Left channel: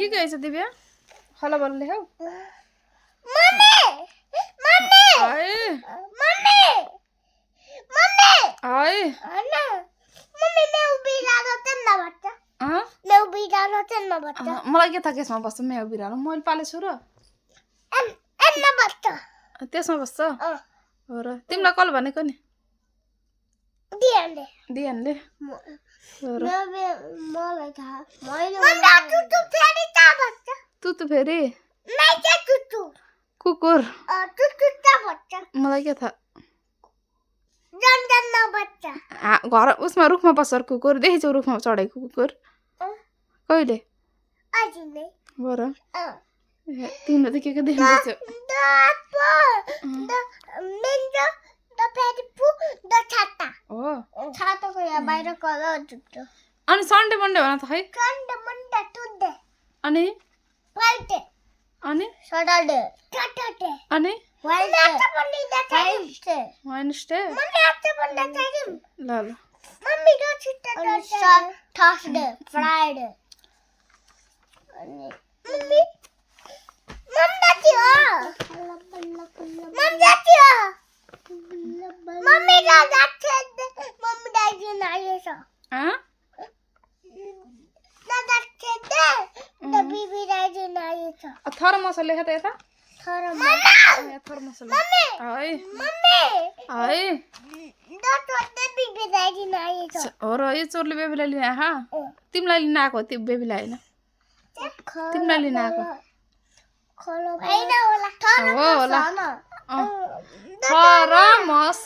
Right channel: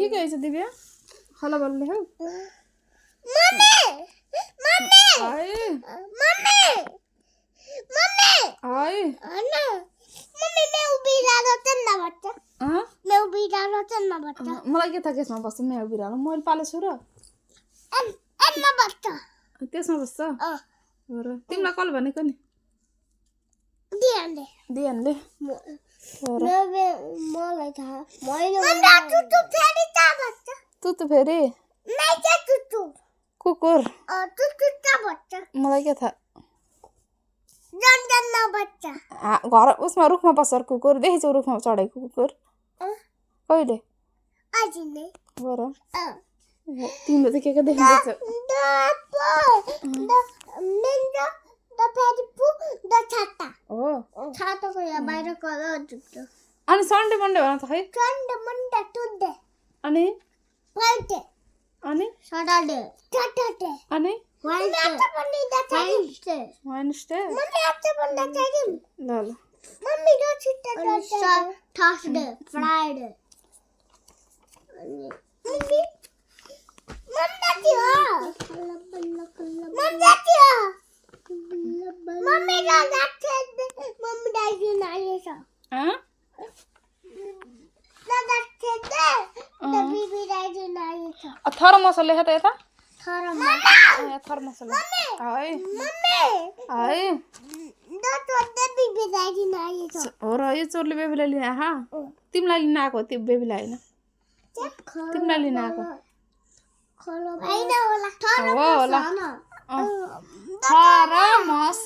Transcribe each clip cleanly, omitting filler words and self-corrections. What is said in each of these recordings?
के गएछ दिव्या हला बलले हौ मम्मी मम्मी आए मम्मी मम्मी आए अन्ना मम्मी मैं बिरालो चन्ना बच्चा मैं बिरालो चन्ना बच्चा मलाई के थाहा केसमा बस्छ म्याउ बिरालो मैले पालेछु र अन्ना बच्चा त्यसमा बस्छ हो र तिमीलाई कल भनेको नि दियाले दियानले हो र मलाई थाहा मैले टुटु फेरि ता बच्चा तुतु फेरि मैं के टुटु कुकुर टुटु ता बच्चा मलाई के थाहा जन जन्ना बच्चा घर उसमा रुखमा बस्छ कुकुर देखेछौ रुखमा चढेको कुकुर कहिले अजिले हो र तिमीले त के देख्दैछौ हो छाताको यहाँ बाहिर कलर जुट्यो अनि सन्डे मन्डे भन त खै सन्डे मन्डे टुडे अनि फ्राइडे अनि सटरडे सटरडे अनि वेडनेसडे वेडनेसडे मम्मी आजै भन्दा चाहिम ल ल मम्मी रो छिट्टो थर्सडे फ्राइडे अनि मम्मी मम्मी थियो मम्मी दादा खेल्दै मम्मी दाजु आएछ दादा खेल्दै द बिबी दाजु आएछ थर्मस लेख त यता थर्मस मम्मी है मम्मी है द बिबी दाजु आएछ हो र यो चोरले बेबीलाई लिन आहा तिमीलाई लिन आएको त्यो बेबीलाई हैन तिमीलाई लिन आएको हैन होला हो होला थर्मस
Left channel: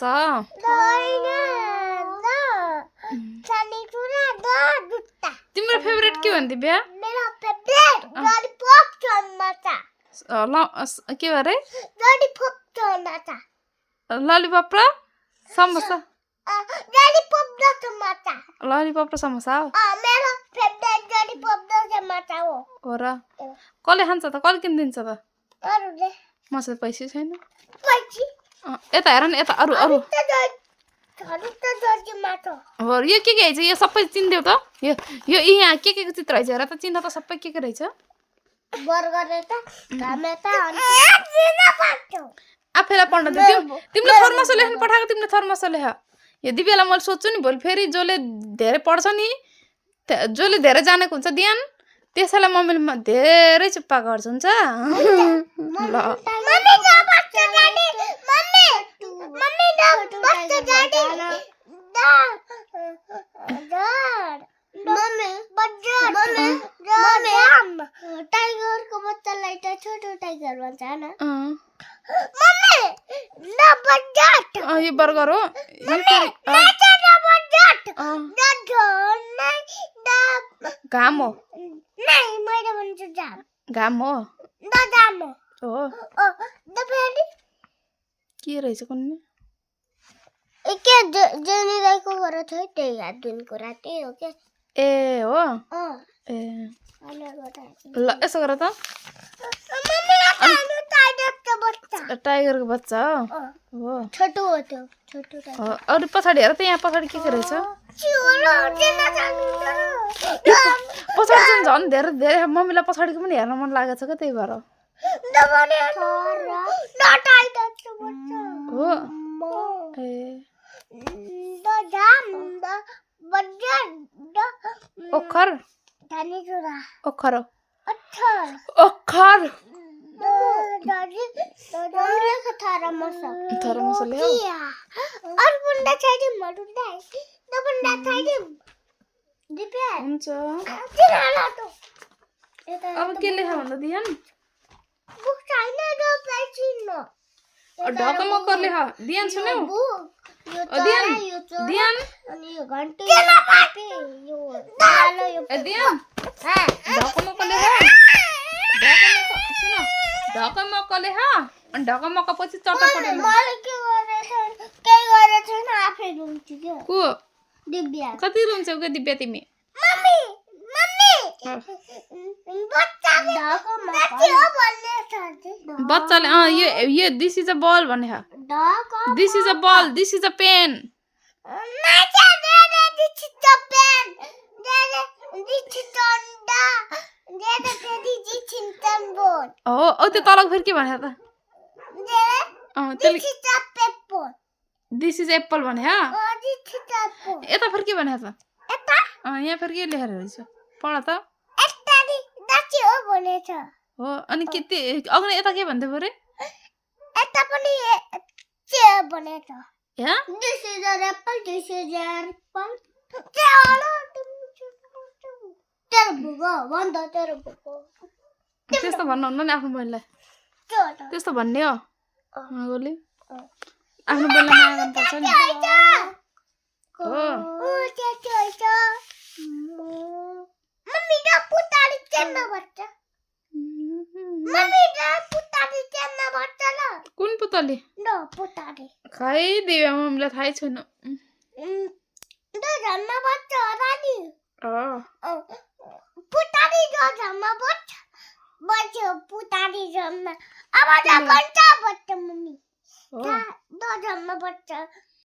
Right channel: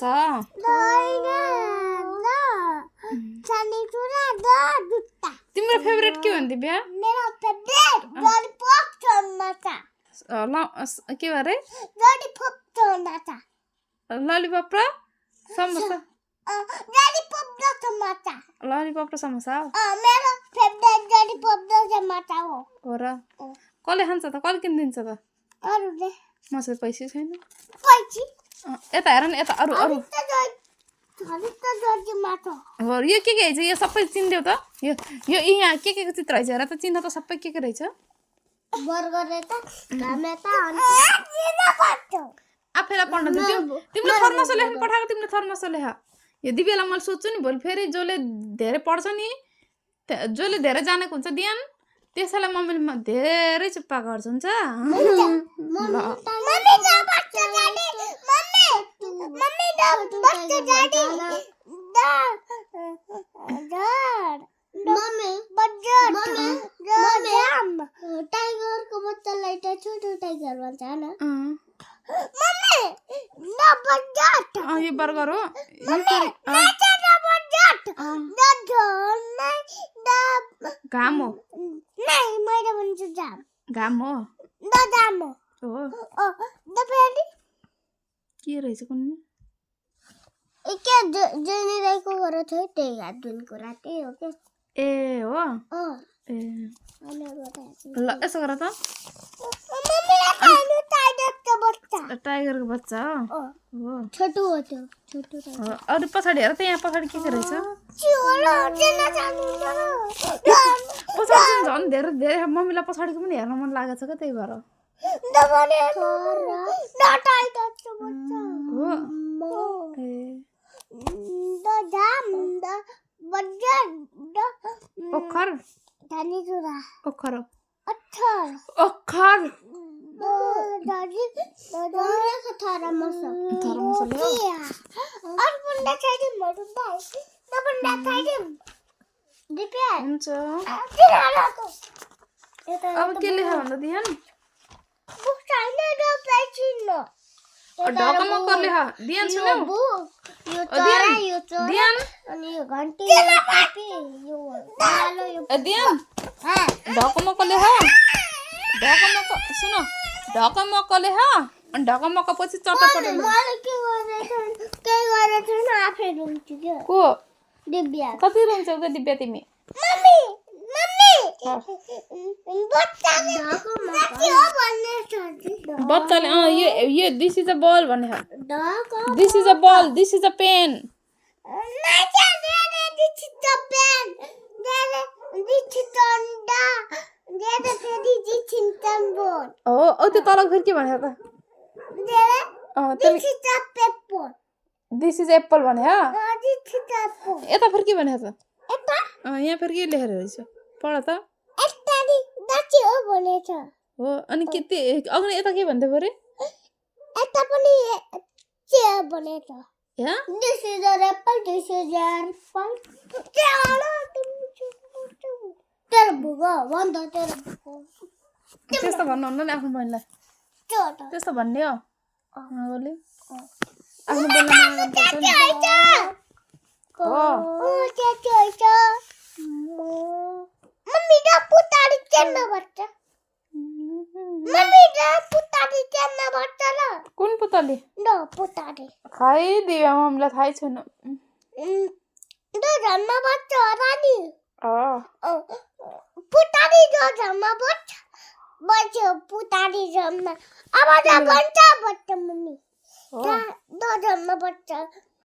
तिम्रो फेभरेट के हो नि दिव्या मेरो फेभरेट ललिपप चम्मचा के भरे ललिपप चम्मचा ललिपप र समोसा ललिपप र चम्मचा ललिपप र समोसा हो मेरो फेभरेट ललिपप र चम्मचा हो र कसले खान्छ त कसले किनिदिन्छ त अरूले मसँग पैसा छैन पैसा यता हेर न यता अरू अरू हो यो के रहेछ यो सबै चिन्देऊ त यो यहाँ के को चित्र रहेछ हेर त चिन्ह त सबै के रहेछ बर्गर त टमेटा अनि आफैलाई पढ्न दियो तिमीले थर्मस लेख्न पठाएको तिमीले थर्मस लेख यो दिव्यालाई मैले सोध्छु नि भोलि फेरि जसले धेरै पढ्छ नि जसले धेरै जानेको हुन्छ ध्यान त्यसैलाई मम्मीले धेरै चुप्पा गर्छ हुन्छ ल टाइगरको बच्चालाई त छोटो टाइगर भन्छ हैन यो बर्गर हो घाम हो घाम हो हो के रहेछ कुनै के जेनी राईको घर थियो त्यही हात धुनको राति हो के ए हो ए ल यसो गर त टाइगरको बच्चा हो छोटो हो त्यो छोटो अरू पछाडि हेर त यहाँ पछाडि के रहेछ पछाडि झन् धेरै धेरै मम्मीलाई पछाडिको पनि हेर्न मन लागेको छ क्या त्यही भएर हो ए ओखर ओखर ओखर थर्मस ल्याऊ हुन्छ अब के लेख भन्दा दियान ढकमक्क लेख दियान सुन्यौ दियान दियान ढकमक्क लेख ढकमक्क सुन ढकमक्क लेख अनि ढकमक्क पछि चटपट को दिव्या कति रुन्छौ के दिव्या तिमी बच्चाले यो दिस इज अ बल भने this is a ball this is a pen बोल ओ त्यो तल फेरि के भने त त्यसले this is a paper this is apple भने दिस इज अ पेपर यता फेरि के भने त एता यहाँ फेरि के लेखेर रहेछ पढ त एता नि दाची हो भनेछ हो अनि के अघि यता के भन्दै परे एता पनि चेयर भनेछ यहाँ this is a Apple this is a Apple तेरो बुबा भन्छ तेरो बुबा त्यस्तो भन्नुहुन्न नि आफ्नो बहिनीलाई छोटा त्यस्तो भन्ने हो मागोले आफ्नो बेलामा आउनुपर्छ नि हो मम्मी दा पुतारी केन भन्छ मम्मी दा पुतारी केन भन्छ ल कुन पुतली द पुतारी खै दिव्या मम्मीलाई थाहै छैन द जन्म भन्छ रानी अँ पुतारी द जन्म भन्छ बच्चो पुतारी जन्म अब द भन्छ भन्छ मम्मी द जन्म भन्छ